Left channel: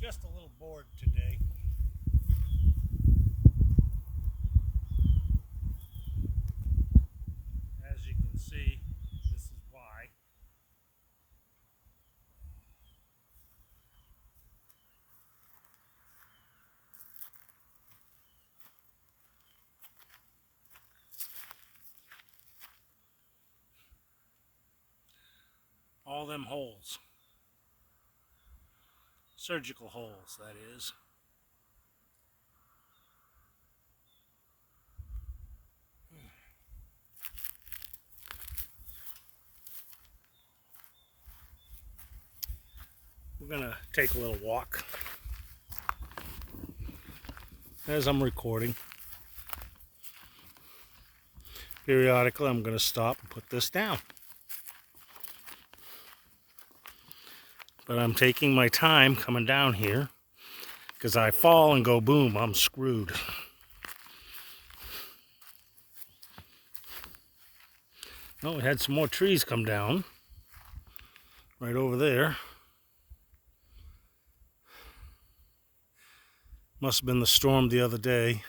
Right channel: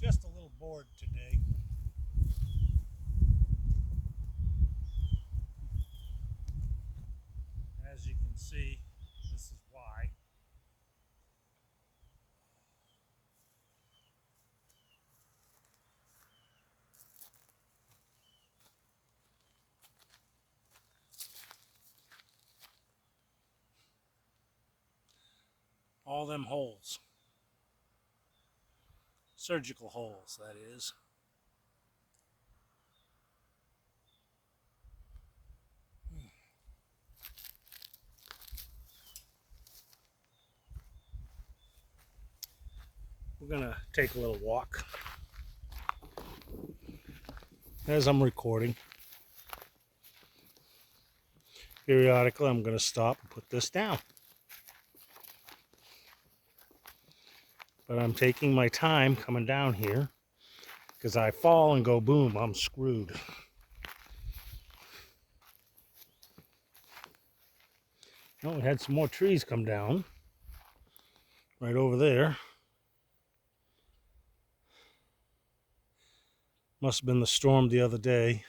Just a little bored today. As you can see, this is why. All them holes. Surgical holes, that is. We're gonna take a little walk as I'm recording. Periodically, I'm gonna stop and put this down. But I'm taking my time coming down here because I fall and go boom, I'm screwed. Oh, we had some more trees come down right over there. Must have been the storm the other day,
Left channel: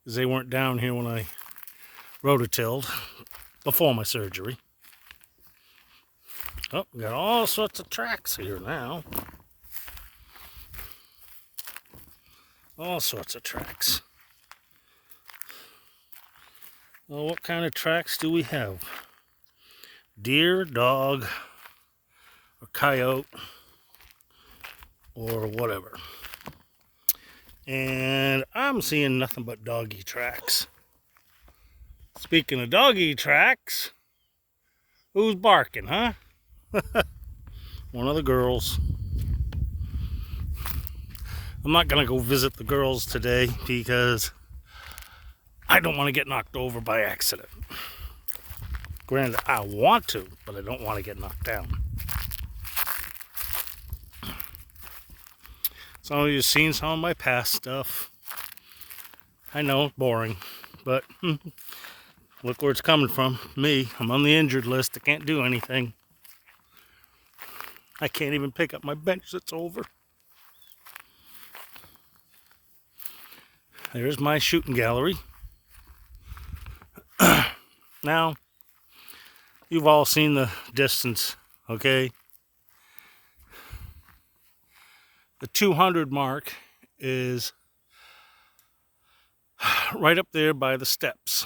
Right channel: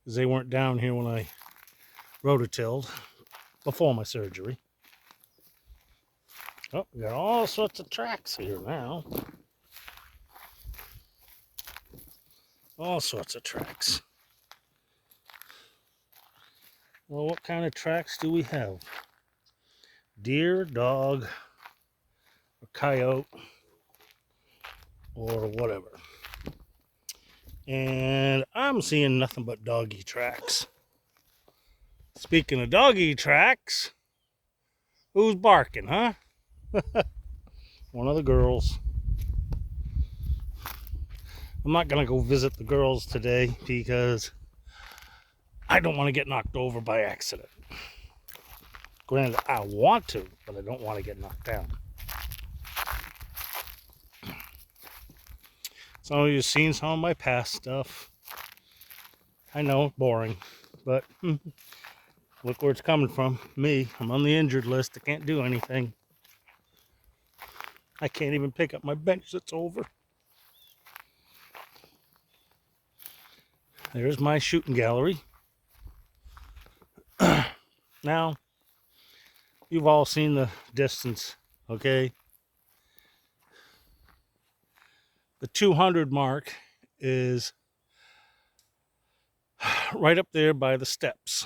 because they weren't down here when I rototilled before my surgery. Oh, we got all sorts of tracks here now. All sorts of tracks. Well, what kind of tracks do we have? Deer, dog, or coyote, or whatever. And I'm seeing nothing but doggy tracks. Speaking of doggy tracks, who's barking, huh? One of the girls. I'm not gonna go visit the girls today because I don't want to get knocked over by accident. Granted, I want to, but I don't want to get knocked down. Some of you have seen some of my past stuff. I know, boring, but look where it's coming from. Me, I'm on the injured list. I can't do anything. I can't even pick up my bench that's over. There's my shooting gallery. Now, you've all seen the distance, okay? The 200 mark is right up there by the steps.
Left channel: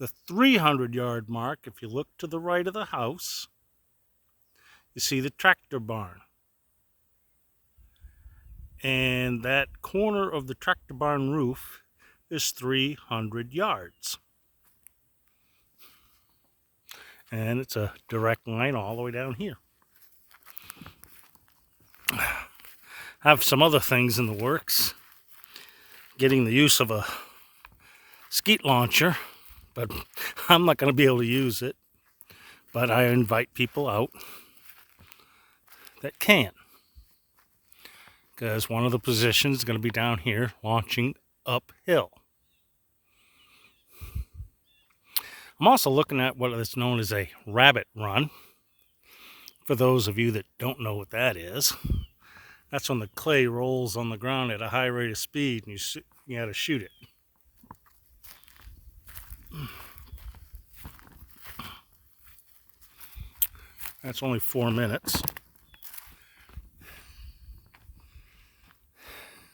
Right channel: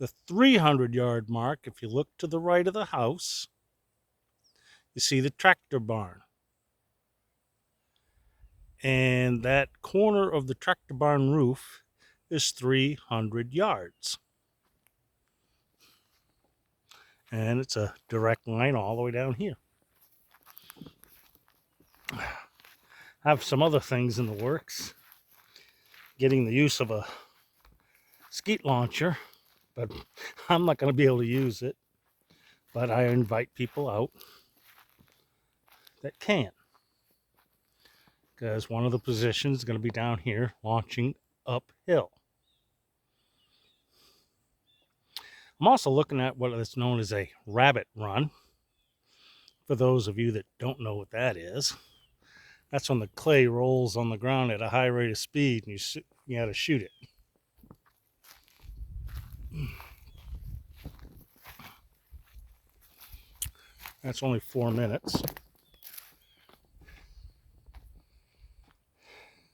The 300-yard mark, if you look to the right of the house, you see the tractor barn. And that corner of the tractor barn roof is 300 yards. And it's a direct line all the way down here. I have some other things in the works. Getting the use of a skeet launcher, but I'm not going to be able to use it. But I invite people out that can. Because one of the positions is going to be down here launching uphill. I'm also looking at what is known as a rabbit run. For those of you that don't know what that is, that's when the clay rolls on the ground at a high rate of speed and you got to shoot it. That's only 4 minutes.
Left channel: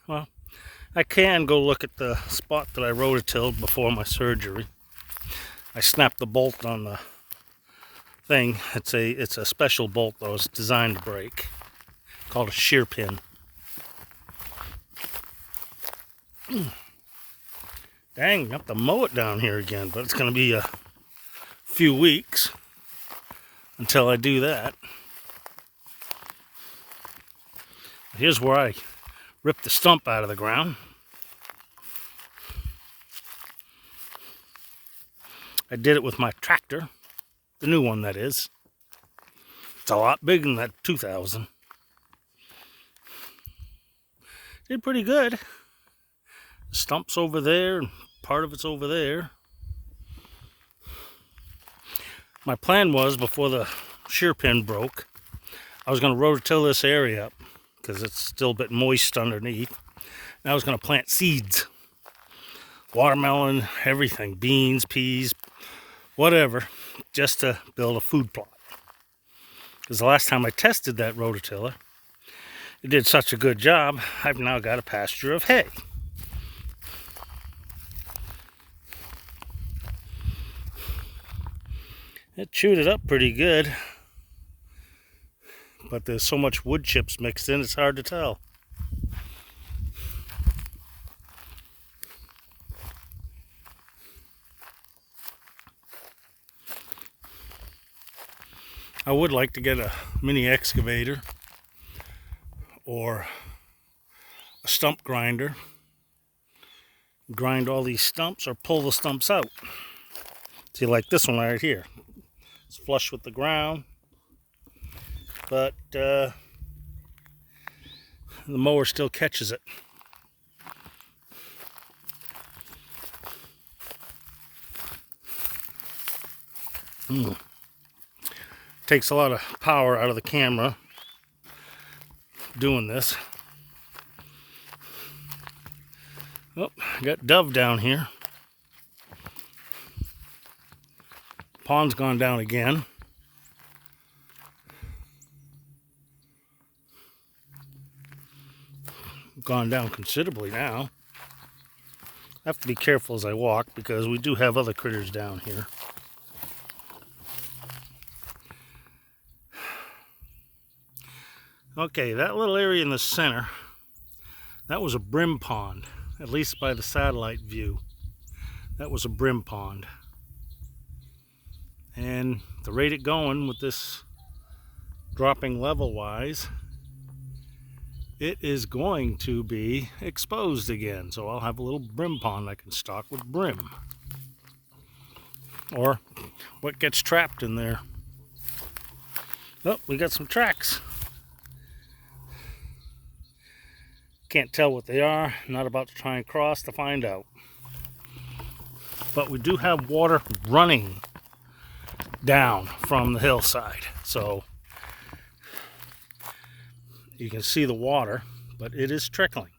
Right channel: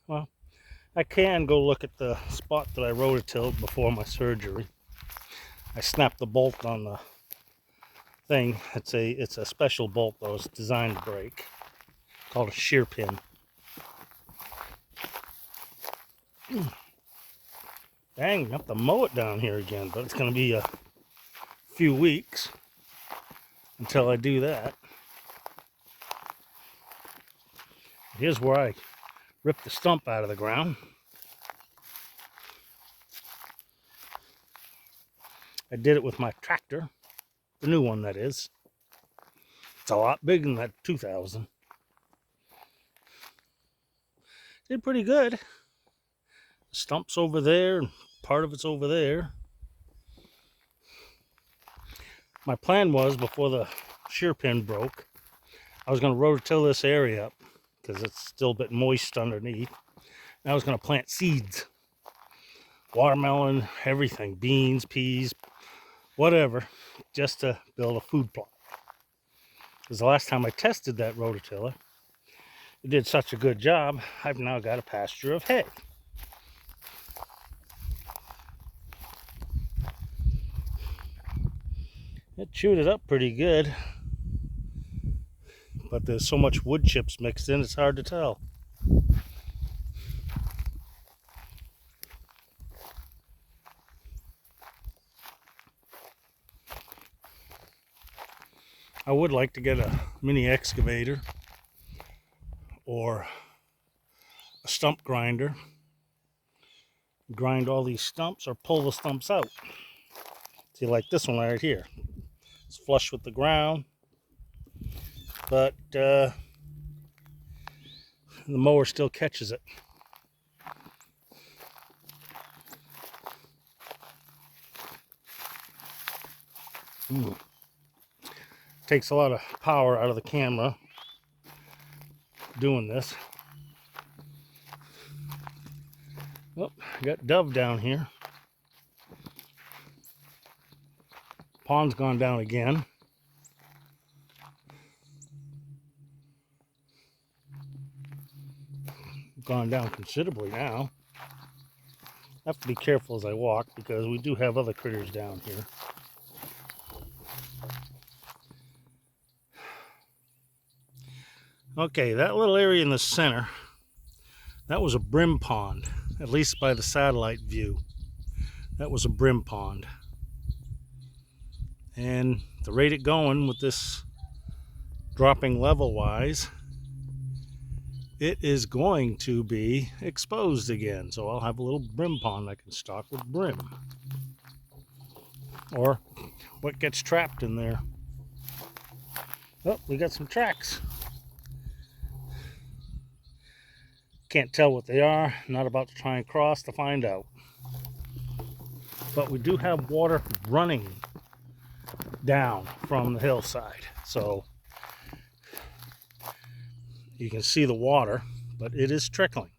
Well, I can go look at the spot that I rototilled before my surgery. I snapped the bolt on the thing. It's a special bolt though. It's designed to break. Called a shear pin. Dang, I have to mow it down here again, but it's going to be a few weeks until I do that. Here's where I ripped the stump out of the ground. I did it with my tractor, the new one that is. It's a lot bigger than that 2000. Did pretty good. The stump's over there and part of it's over there. My plan was, before the shear pin broke, I was going to rototill this area up because it's still a bit moist underneath. And I was going to plant seeds. Watermelon, everything, beans, peas, whatever, just to build a food plot. Because the last time I tested that rototiller, it did such a good job, I've now got a pasture of hay. It chewed it up pretty good, but there's so much wood chips mixed in, it's hard to tell. I would like to get a mini excavator or a stump grinder, grind all these stumps or pull the stumps out. See, like this one right here. It's flush with the ground, but the mower still catches it. Takes a lot of power out of the camera doing this. Oh, I got dove down here. Pond's gone down again. Gone down considerably now. I have to be careful as I walk because we do have other critters down here. Okay, that little area in the center, that was a brim pond, at least by the satellite view. That was a brim pond. And the rate it going with this dropping level wise, it is going to be exposed again. So I'll have a little brim pond I can stock with brim. Or what gets trapped in there. Oh, we got some tracks. Can't tell what they are. Not about to try and cross to find out. But we do have water running down from the hillside. So you can see the water, but it is trickling.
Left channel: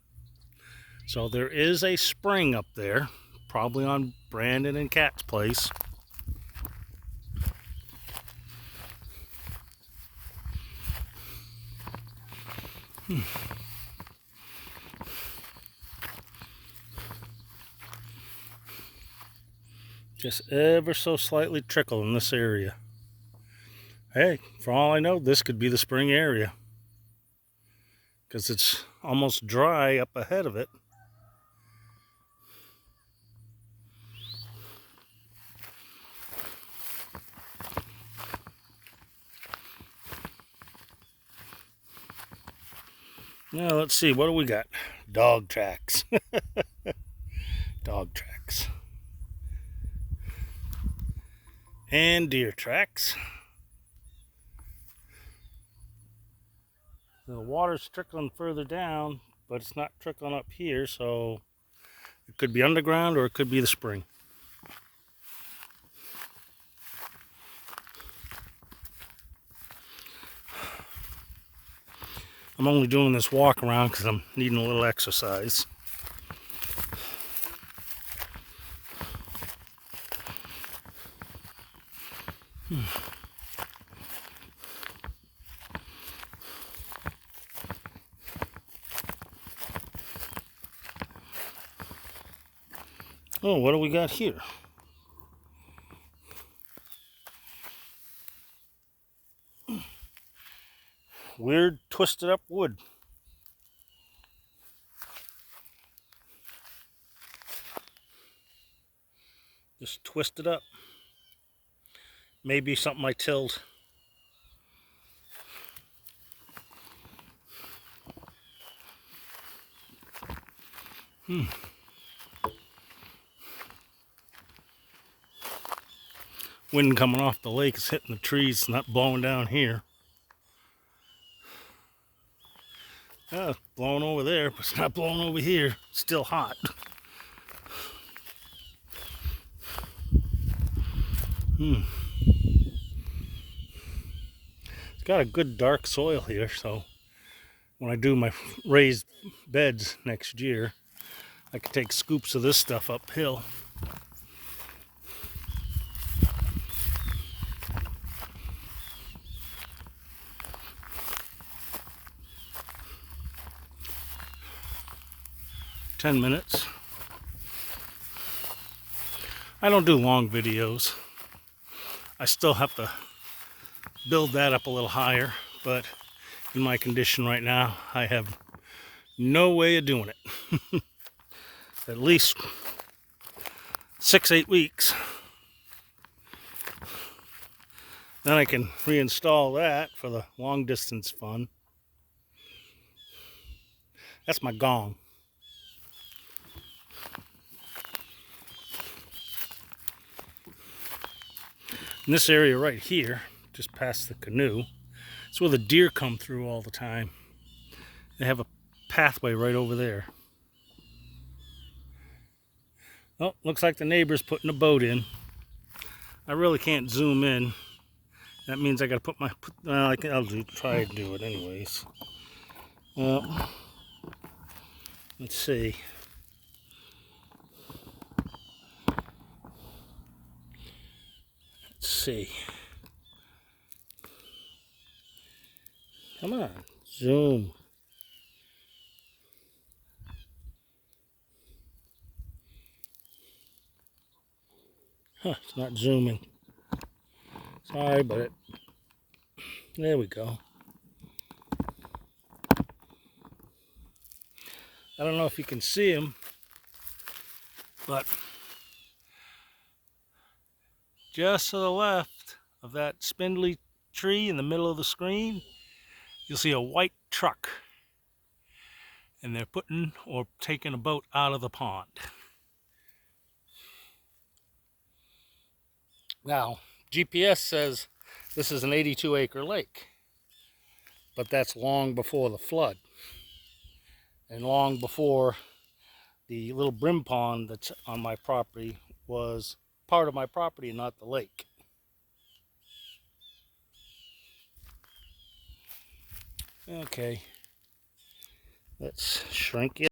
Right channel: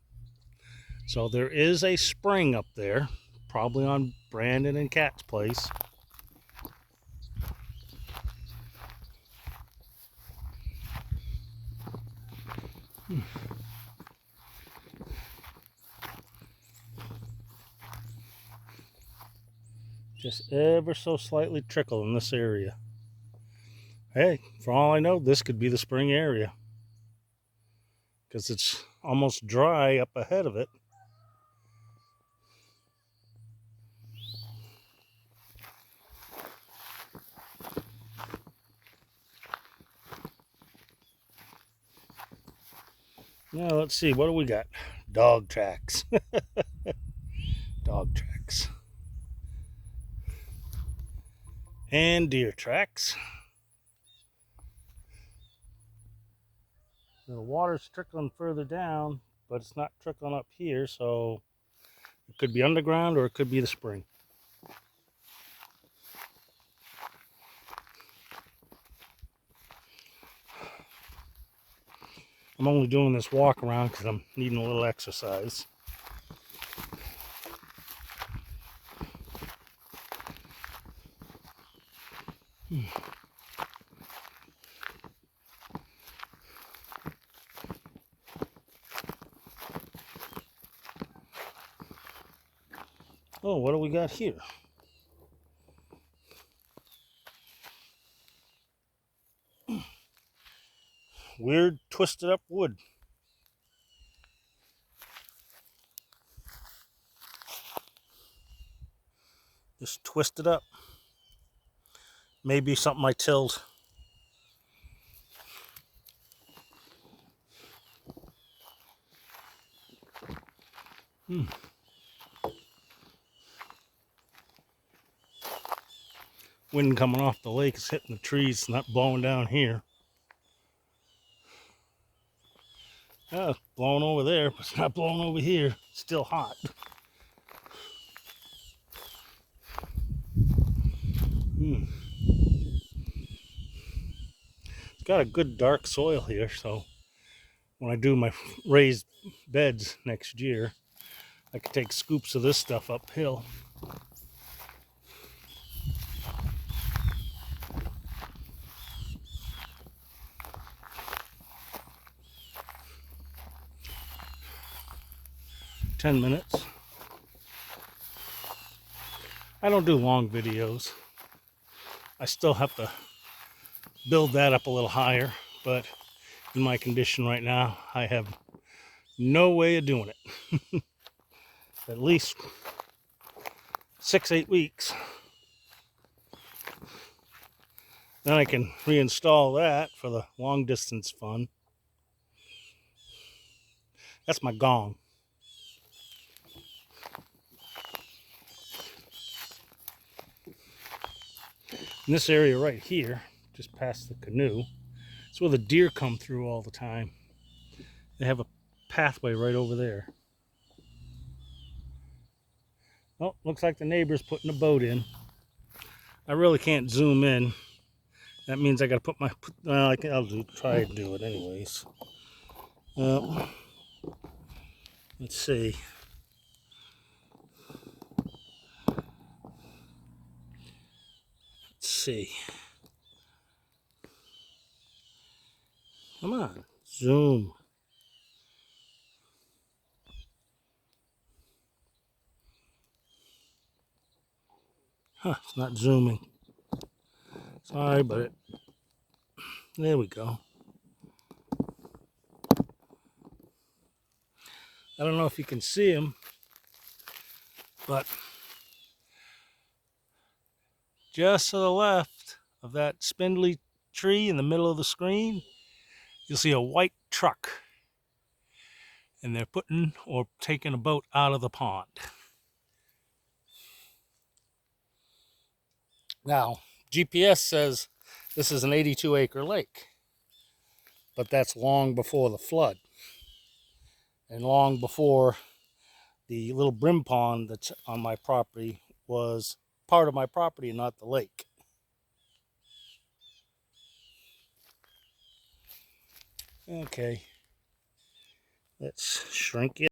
So there is a spring up there, probably on Brandon and Kat's place. Just ever so slightly trickle in this area. Hey, for all I know, this could be the spring area, because it's almost dry up ahead of it. Now let's see, what do we got? Dog tracks. Dog tracks. And deer tracks. So the water's trickling further down, but it's not trickling up here, so it could be underground or it could be the spring. I'm only doing this walk around because I'm needing a little exercise. Oh, what do we got here? Weird twisted up wood. Just twisted up. Maybe something I tilled. Wind coming off the lake is hitting the trees, not blowing down here. Oh, it's blowing over there, but it's not blowing over here. It's still hot. It's got a good dark soil here, so when I do my raised beds next year, I can take scoops of this stuff uphill. "10 minutes. I don't do long videos. I still have to build that up a little higher, but in my condition right now, I have no way of doing it. At least 6-8 weeks. Then I can reinstall that for the long distance fun. That's my gong. In this area right here, just past the canoe, it's where the deer come through all the time. They have a pathway right over there. Oh, looks like the neighbor's putting a boat in. I really can't zoom in. That means I gotta put my, well, I'll try to do it anyways. Well, let's see. Let's see. Come on, zoom. Huh, it's not zooming. Sorry, but there we go. I don't know if you can see him, but just to the left of that spindly tree in the middle of the screen, you'll see a white truck. And they're putting or taking a boat out of the pond. Now, GPS says this is an 82-acre lake, but that's long before the flood and long before the little brim pond that's on my property was part of my property and not the lake. Okay, let's shrink it.